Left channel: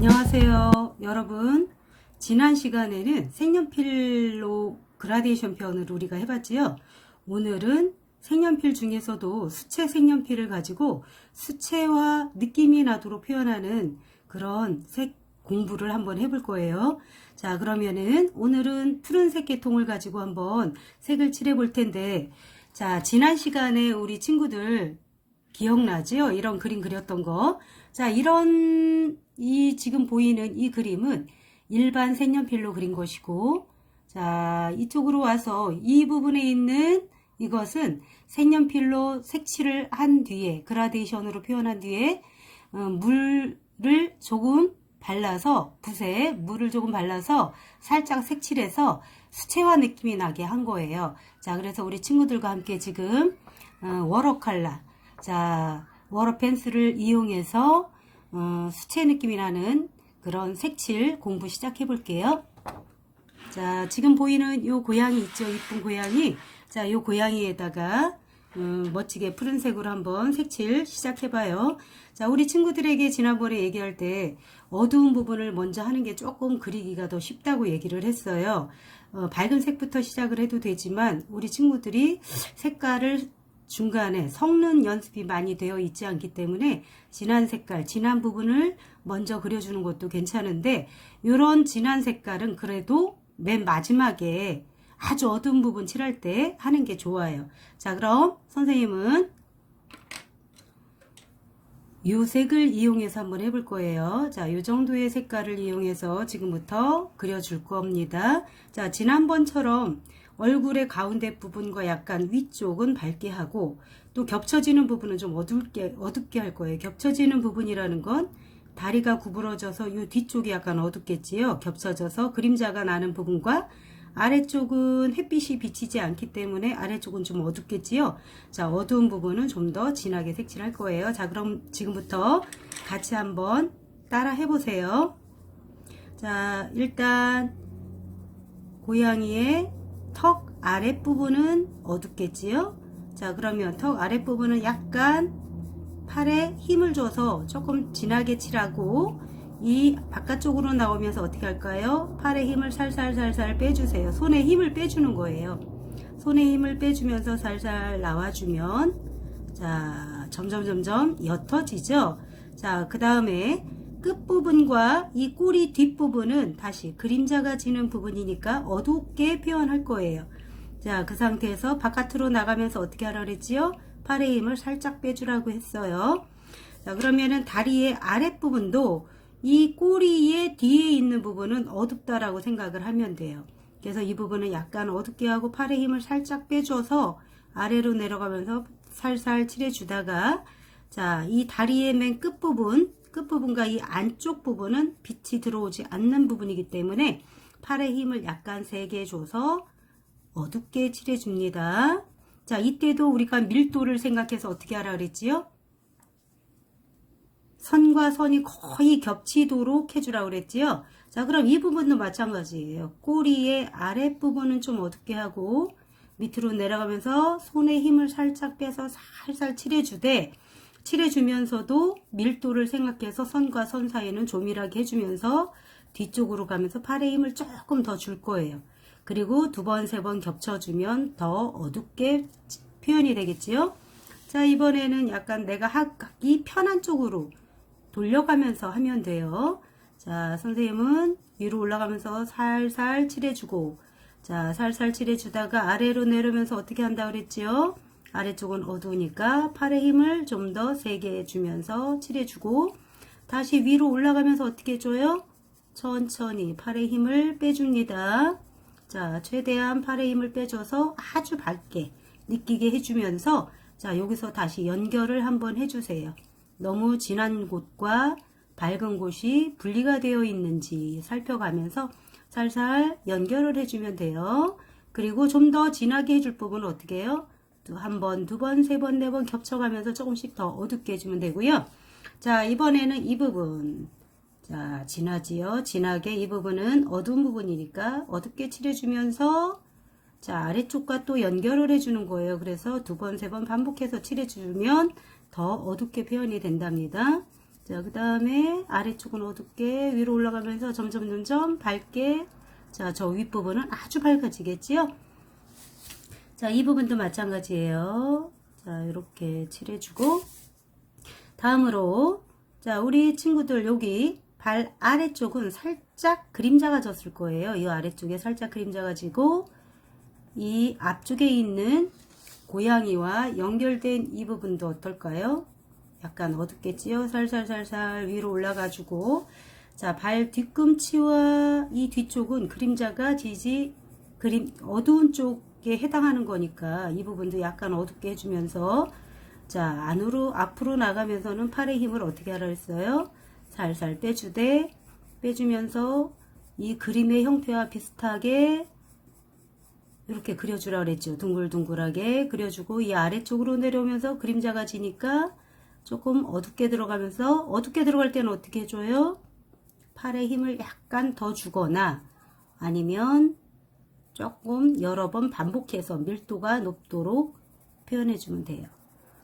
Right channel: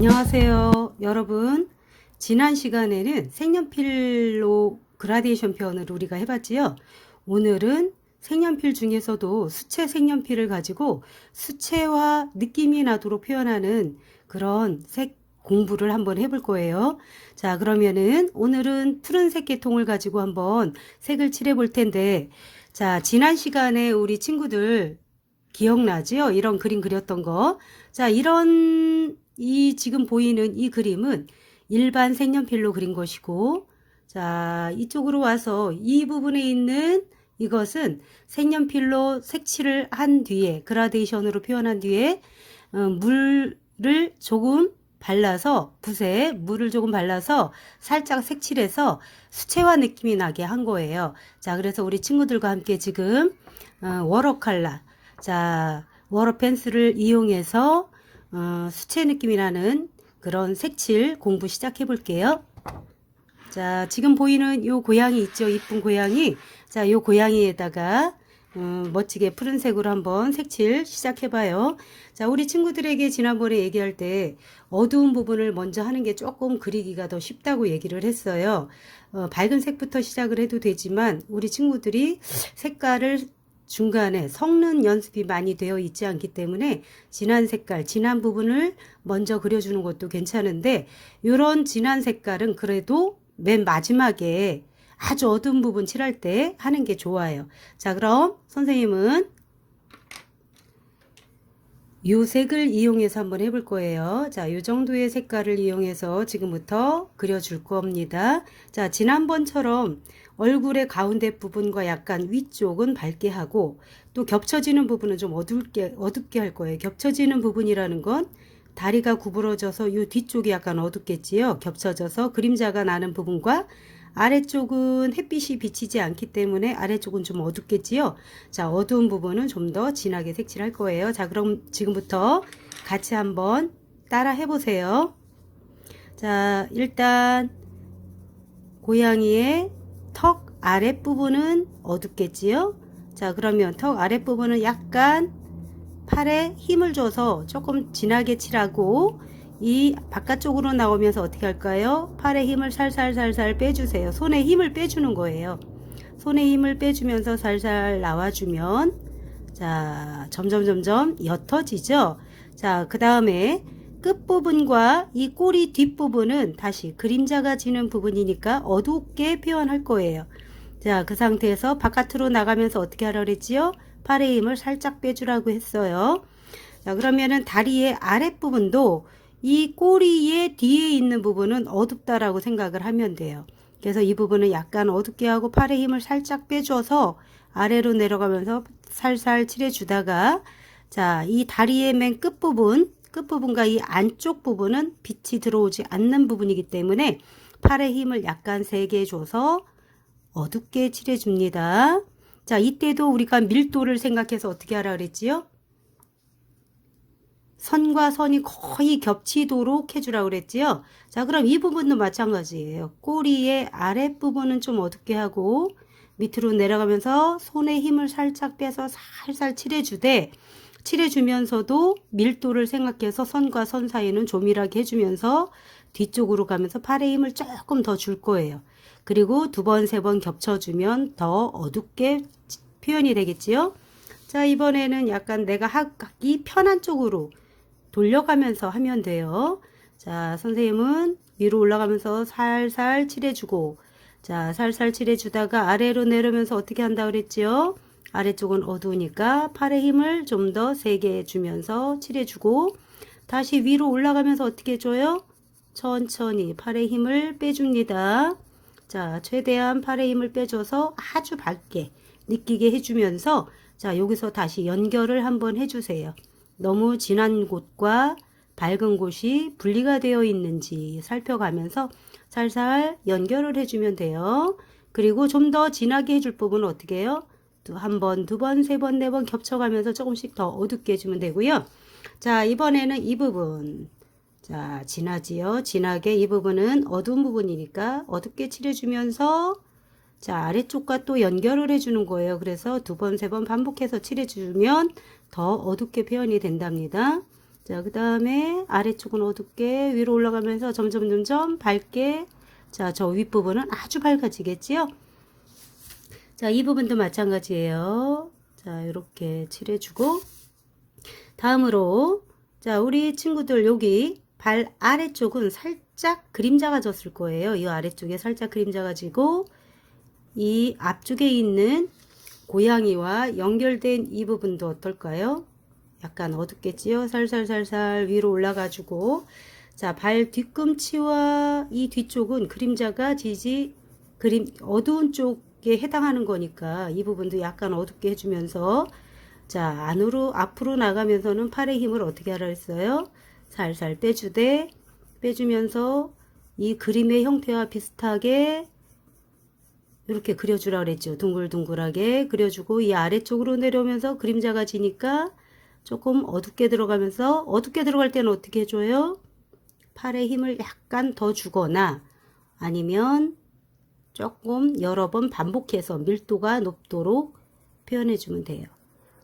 안녕하세요 여러분. 지난 시간에는 색연필로 그라데이션 표현을 우리가 해봤지요. 오늘은 색연필 중에서도 수채 색연필을 가지고 수채화 느낌이 나도록 표현하는 그런 색 공부를 한번 해볼 거예요. 자, 그러면은 오늘은 푸른색 계통을 가지고 한번 색을 칠해 볼 텐데, 자, 지난 시간에 우리 친구들 기억나지요? 이런 그림 그렸던 거. 자, 이 지금 보이는 이 그림은 일반 색연필로 그린 것이고, 자, 이쪽으로 와서 이 부분에 있는 이것은 색연필로 색칠을 한 뒤에, 그라데이션으로 표현한 뒤에, 물을 조금 발라서, 붓에 물을 조금 발라서 살짝 색칠해서 수채화 느낌이 나게 한 거예요. 자, 그래서 우리 친구들과 함께 지금, 워터컬러, 자, 워터 펜슬을 이용해서 수채 느낌이 나는 그런 색칠 공부 시작해 볼게요. 자, 지금 보이는 요 고양이 있죠? 이쁜 고양이. 자, 요 고양이에다가 멋지게 푸른색으로 한번 색칠 시작해 봐요. 자, 우리 친구들에게 지난번에 얘기할 때 어두운 부분을 먼저 하는 게 조금 그리기가 더 쉽다고 얘기를 했어요. 밝은 색부터 시작을 해도 되지만 우리 친구들이 색깔을 중간에 섞는 연습이 많이 되어 있지 않기 때문에 진한 색깔, 진한 부분을 먼저 그려주는 것도 괜찮은데, 이런 진한 색깔은 그래도 맨 마지막에 아주 어두운 부분 칠할 때 하는 게 좋아요. 자, 그럼 선생님은 요 색을 이용해서 한번 해볼 거예요. 자, 요 정도의 색깔을 이용해서 지금부터 그려줄 겁니다. 자, 지난번처럼 얼굴의 가운데 부분과 약간 위쪽은 밝게 하고, 또 겹쳐지는 부분은 좀 어둡게 할 거예요. 겹쳐지는 부분이라는 건 다리가 구부러져서 요 뒤쪽이 약간 어둡겠지요. 겹쳐져서 그림자가 나는 부분과 아래쪽은 햇빛이 비치지 않기 때문에 아래쪽은 좀 어둡겠지요. 자, 어두운 부분은 좀 더 진하게 색칠할 거예요. 자, 그럼 지금부터 같이 한번 따라 해보세요. 자, 일단 고양이의 턱 아랫부분은 어둡겠지요. 자, 그러면 턱 아랫부분은 약간 팔에 힘을 줘서 조금 진하게 칠하고, 이 바깥쪽으로 나오면서 어떻게 할까요? 팔에 힘을 살살살살 빼주세요. 손에 힘을 빼주는 거예요. 손에 힘을 빼주면서 살살 나와주면, 자, 점점 옅어지죠. 자, 그 다음에 끝부분과 이 꼬리 뒷부분은 다시 그림자가 지는 부분이니까 어둡게 표현할 거예요. 자, 그 상태에서 바깥으로 나가면서 어떻게 하라 그랬지요? 팔의 힘을 살짝 빼주라고 했어요. 자, 그러면은 다리의 아랫부분도 이 꼬리의 뒤에 있는 부분은 어둡다라고 생각을 하면 돼요. 그래서 이 부분은 약간 어둡게 하고 팔의 힘을 살짝 빼줘서 아래로 내려가면서 살살 칠해주다가, 자, 이 다리의 맨 끝부분과 이 안쪽 부분은 빛이 들어오지 않는 부분이기 때문에 팔의 힘을 약간 세게 줘서 어둡게 칠해줍니다. 자, 이때도 우리가 밀도를 생각해서 어떻게 하라 그랬지요? 선과 선이 거의 겹치도록 해주라고 그랬지요. 자, 그럼 이 부분도 마찬가지예요. 꼬리의 아랫부분은 좀 어둡게 하고 밑으로 내려가면서 손에 힘을 살짝 빼서 살살 칠해주면서도 밀도를 생각해서 선과 선 사이는 조밀하게 해주면서 뒤쪽으로 가면서 팔에 힘을 조금 더 줄 거예요. 그리고 두 번, 세 번 겹쳐주면 더 어둡게 표현이 되겠지요. 자, 이번에는 약간 내가 하기 편한 쪽으로 돌려가면서 하면 돼요. 자, 선생님은 위로 올라가면서 살살 칠해주고, 자, 살살 칠해주다가 아래로 내려오면서 어떻게 한다 그랬지요? 아래쪽은 어두우니까 팔의 힘을 좀 더 세게 주면서 칠해주고, 다시 위로 올라가면서 어떻게 해줘요? 천천히 팔의 힘을 빼줍니다. 자, 최대한 팔의 힘을 빼줘서 아주 밝게 느끼게 해주면서, 자, 여기서 다시 연결을 한번 해주세요. 너무 진한 곳과 밝은 곳이 분리가 되어 있는지 살펴가면서 살살 연결을 해주면 돼요. 그리고 좀 더 진하게 해줄 부분은 어떻게 해요? 한 번, 두 번, 세 번, 네 번 겹쳐가면서 조금씩 더 어둡게 해주면 되고요. 자, 이번에는 이 부분. 자, 진하지요? 진하게 이 부분은 어두운 부분이니까 어둡게 칠해주면서, 자, 아래쪽과 또 연결을 해주는 거예요. 그래서 두 번, 세 번 반복해서 칠해주면 더 어둡게 표현이 된답니다. 자, 그 다음에 아래쪽은 어둡게 위로 올라가면서 점점 밝게. 자, 저 윗부분은 아주 밝아지겠지요? 자, 이 부분도 마찬가지예요. 자, 이렇게 칠해주고. 다음으로, 자, 우리 친구들 여기 발 아래쪽은 살짝 그림자가 졌을 거예요. 이 아래쪽에 살짝 그림자가 지고, 이 앞쪽에 있는 고양이와 연결된 이 부분도 어떨까요? 약간 어둡겠지요? 살살 위로 올라가지고. 자, 발 뒤꿈치와 이 뒤쪽은 그림자가 지지, 어두운 쪽에 해당하는 거니까 이 부분도 약간 어둡게 해주면서, 자, 앞으로 나가면서는 팔의 힘을 어떻게 하라 했어요? 살살 빼주면서 이 그림의 형태와 비슷하게 이렇게 그려주라 그랬죠. 둥글둥글하게 그려주고, 이 아래쪽으로 내려오면서 그림자가 지니까 조금 어둡게 들어가면서, 어둡게 들어갈 때는 어떻게 해줘요? 팔에 힘을 약간 더 주거나 아니면 조금 여러 번 반복해서 밀도가 높도록 표현해주면 돼요.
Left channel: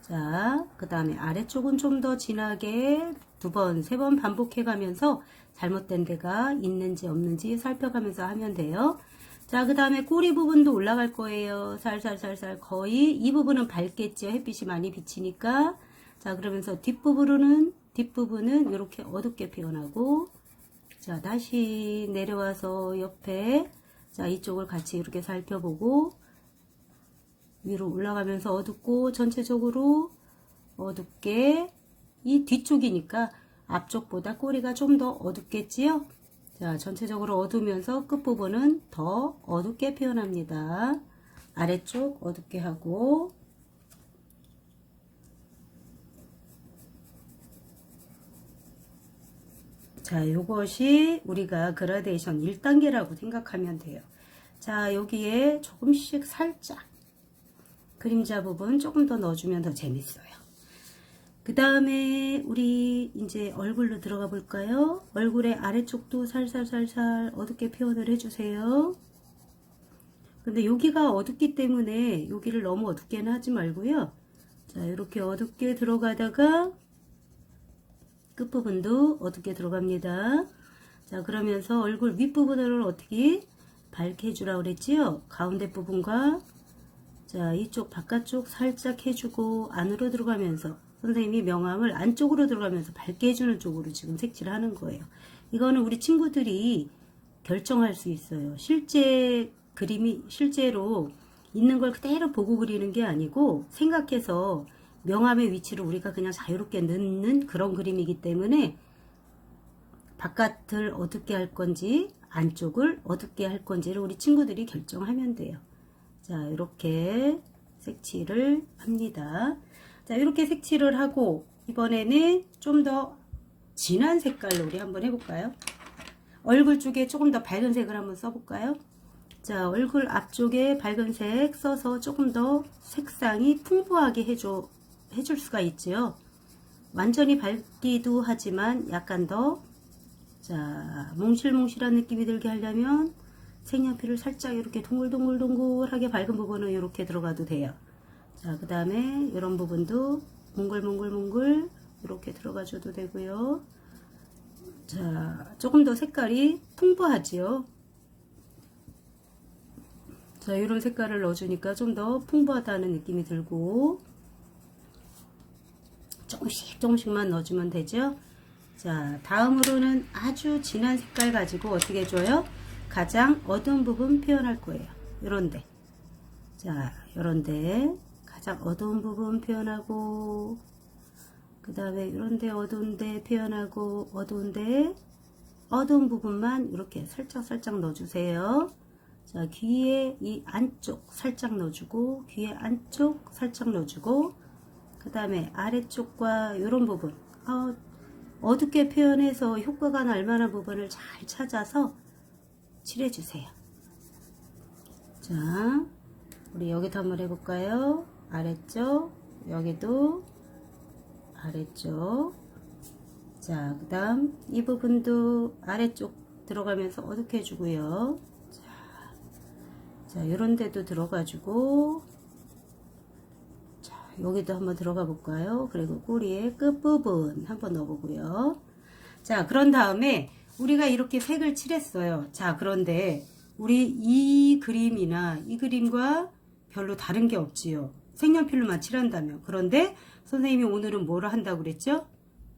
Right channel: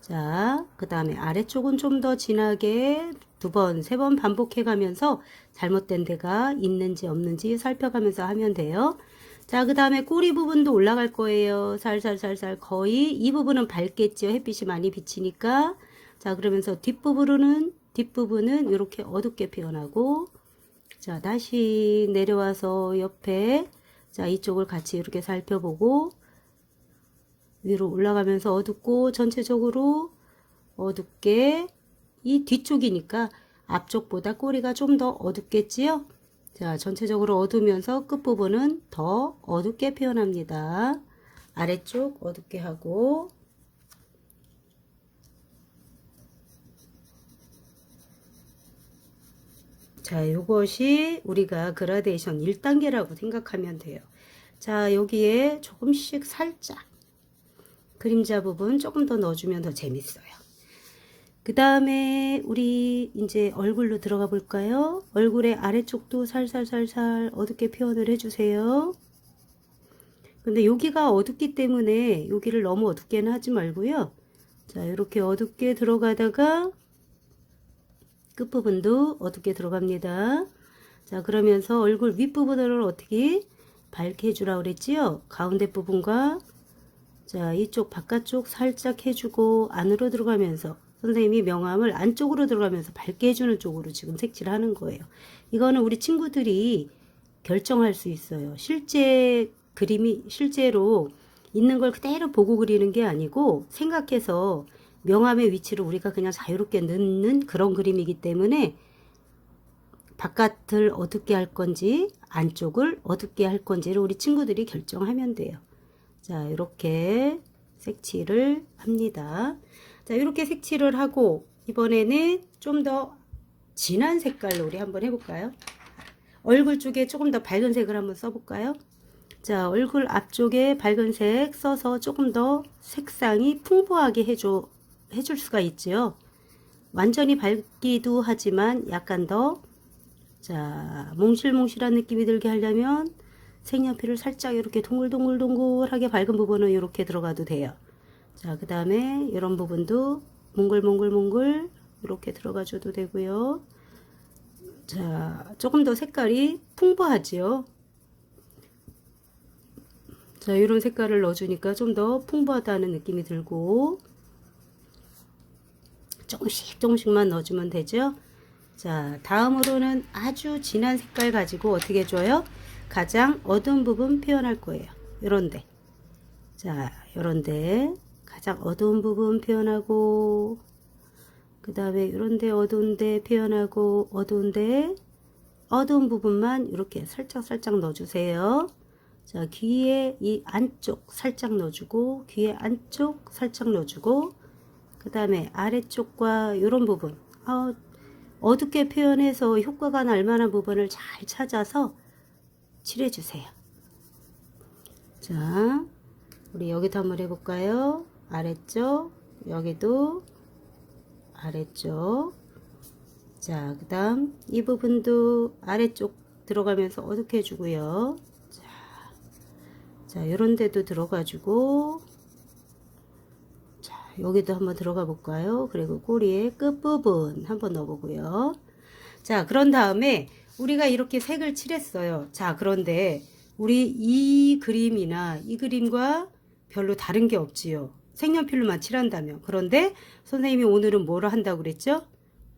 자, 그 다음에 아래쪽은 좀 더 진하게 2번, 3번 반복해 가면서 잘못된 데가 있는지 없는지 살펴가면서 하면 돼요. 자, 그 다음에 꼬리 부분도 올라갈 거예요. 살살 거의 이 부분은 밝겠죠. 햇빛이 많이 비치니까. 자, 그러면서 뒷부분은 이렇게 어둡게 표현하고, 자, 다시 내려와서 옆에, 자, 이쪽을 같이 이렇게 살펴보고, 위로 올라가면서 어둡고, 전체적으로 어둡게, 이 뒤쪽이니까 앞쪽보다 꼬리가 좀 더 어둡겠지요? 자, 전체적으로 어두우면서 끝부분은 더 어둡게 표현합니다. 아래쪽 어둡게 하고, 자, 이것이 우리가 그라데이션 1단계라고 생각하면 돼요. 자, 여기에 조금씩 살짝 그림자 부분 조금 더 넣어주면 더 재밌어요. 그 다음에 우리 이제 얼굴로 들어가 볼까요? 얼굴의 아래쪽도 살살 어둡게 표현을 해주세요. 근데 여기가 어둡기 때문에 여기를 너무 어둡게는 하지 말고요. 자, 이렇게 어둡게 들어가다가 끝부분도 어둡게 들어갑니다. 자, 그러면서 얼굴 윗부분을 어떻게 밝게 해주라 그랬지요? 가운데 부분과, 자, 이쪽 바깥쪽 살짝 해주고 안으로 들어가면서 선생님이 명암을 안쪽으로 들어가면서 밝게 해주는 쪽으로 지금 색칠을 하는 거예요. 이거는 우리 친구들이 결정할 수 있어요. 실제로 있는 걸 그대로 보고 그리는 게 아니고 생각해서 명암의 위치를 우리가 그냥 자유롭게 넣는 그런 그림이기 때문에 바깥을 어둡게 할 건지 안쪽을 어둡게 할 건지를 우리 친구들이 결정하면 돼요. 자, 이렇게 색칠을 합니다. 자, 이렇게 색칠을 하고 이번에는 좀 더 진한 색깔로 우리 한번 해볼까요? 얼굴 쪽에 조금 더 밝은 색을 한번 써볼까요? 자, 얼굴 앞쪽에 밝은 색 써서 조금 더 색상이 풍부하게 해줄 수가 있죠. 완전히 밝기도 하지만 약간 더, 자, 몽실몽실한 느낌이 들게 하려면 색연필을 살짝 이렇게 동글동글하게 밝은 부분은 이렇게 들어가도 돼요. 자, 그 다음에 이런 부분도 몽글몽글 이렇게 들어가 줘도 되고요. 자, 조금 더 색깔이 풍부하지요. 자, 이런 색깔을 넣어주니까 좀 더 풍부하다는 느낌이 들고, 조금씩만 넣어주면 되죠. 자, 다음으로는 아주 진한 색깔 가지고 어떻게 해줘요? 가장 어두운 부분 표현할 거예요. 요런데. 자, 요런데 가장 어두운 부분 표현하고, 그 다음에 요런데 어두운데 표현하고, 어두운 부분만 이렇게 살짝 넣어주세요. 자, 귀에 이 안쪽 살짝 넣어주고, 귀에 안쪽 살짝 넣어주고, 그 다음에 아래쪽과 이런 부분 어둡게 표현해서 효과가 날 만한 부분을 잘 찾아서 칠해주세요. 자, 우리 여기도 한번 해볼까요? 아래쪽, 여기도 아래쪽. 자, 그 다음 이 부분도 아래쪽 들어가면서 어둡게 해주고요. 자, 요런 데도 들어가지고, 자, 여기도 한번 들어가 볼까요? 그리고 꼬리의 끝부분 한번 넣어보고요. 자, 그런 다음에 우리가 이렇게 색을 칠했어요. 자, 그런데 우리 이 그림이나 이 그림과 별로 다른 게 없지요. 색연필로만 칠한다면. 그런데 선생님이 오늘은 뭐를 한다고 그랬죠?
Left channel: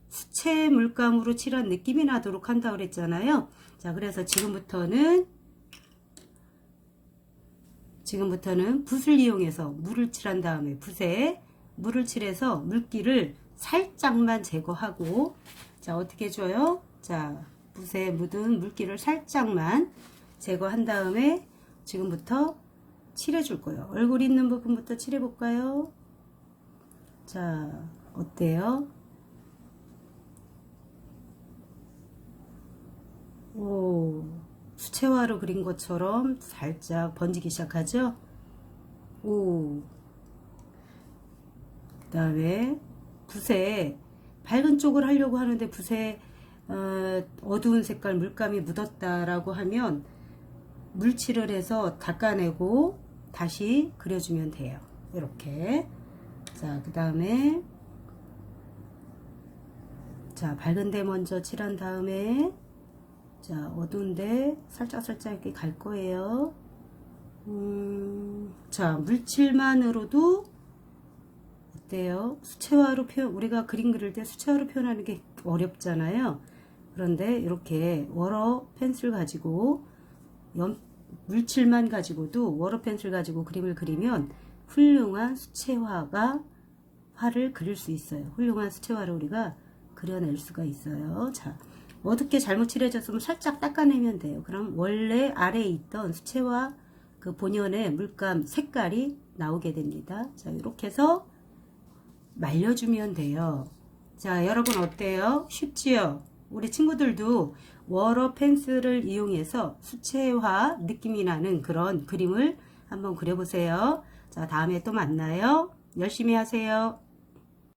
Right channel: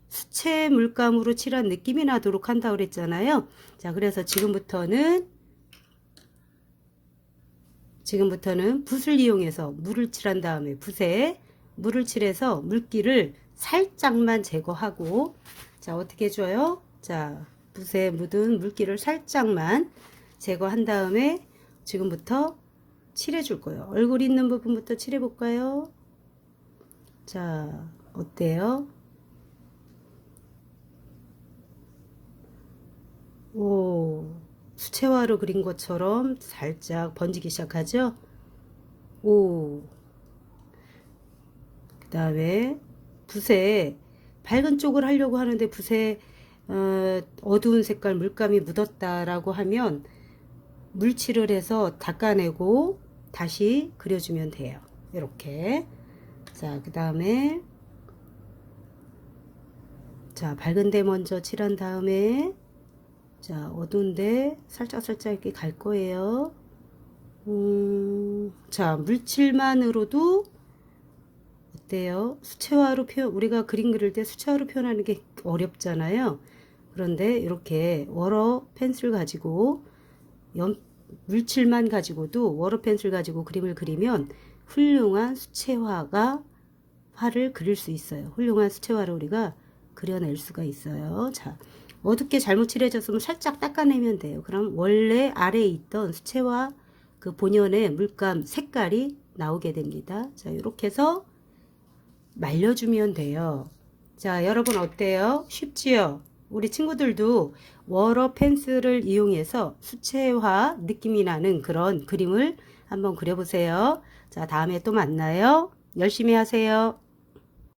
수채 물감으로 칠한 느낌이 나도록 한다고 그랬잖아요. 자, 그래서 지금부터는 붓을 이용해서 물을 칠한 다음에 붓에 물을 칠해서 물기를 살짝만 제거하고, 자, 어떻게 해줘요? 자, 붓에 묻은 물기를 살짝만 제거한 다음에 지금부터 칠해 줄 거예요. 얼굴 있는 부분부터 칠해 볼까요? 자, 어때요? 오, 수채화로 그린 것처럼 살짝 번지기 시작하죠? 오, 그 다음에 붓에 밝은 쪽을 하려고 하는데 붓에 어두운 색깔 물감이 묻었다라고 하면 물칠을 해서 닦아내고 다시 그려주면 돼요. 이렇게. 자, 그 다음에 자, 밝은 데 먼저 칠한 다음에 자, 어두운데 살짝살짝 이렇게 갈 거예요. 자, 물칠만으로도 어때요? 수채화로 우리가 그림 그릴 때 수채화로 표현하는 게 어렵잖아요. 그런데 이렇게 워러 펜슬 가지고 물칠만 가지고도 워러 펜슬 가지고 그림을 그리면 훌륭한 화를 그릴 수 있어요. 훌륭한 수채화를 우리가 그려낼 수가 있어요. 자, 어둡게 잘못 칠해졌으면 살짝 닦아내면 돼요. 그럼 원래 아래에 있던 수채화 그 본연의 물감 색깔이 나오게 됩니다. 자, 이렇게 해서 말려주면 돼요. 자, 여러분 어때요? 쉽지요? 우리 친구들도 워러 펜슬을 이용해서 수채화 느낌이 나는 그런 그림을 한번 그려보세요. 자, 다음에 또 만나요. 열심히 하세요.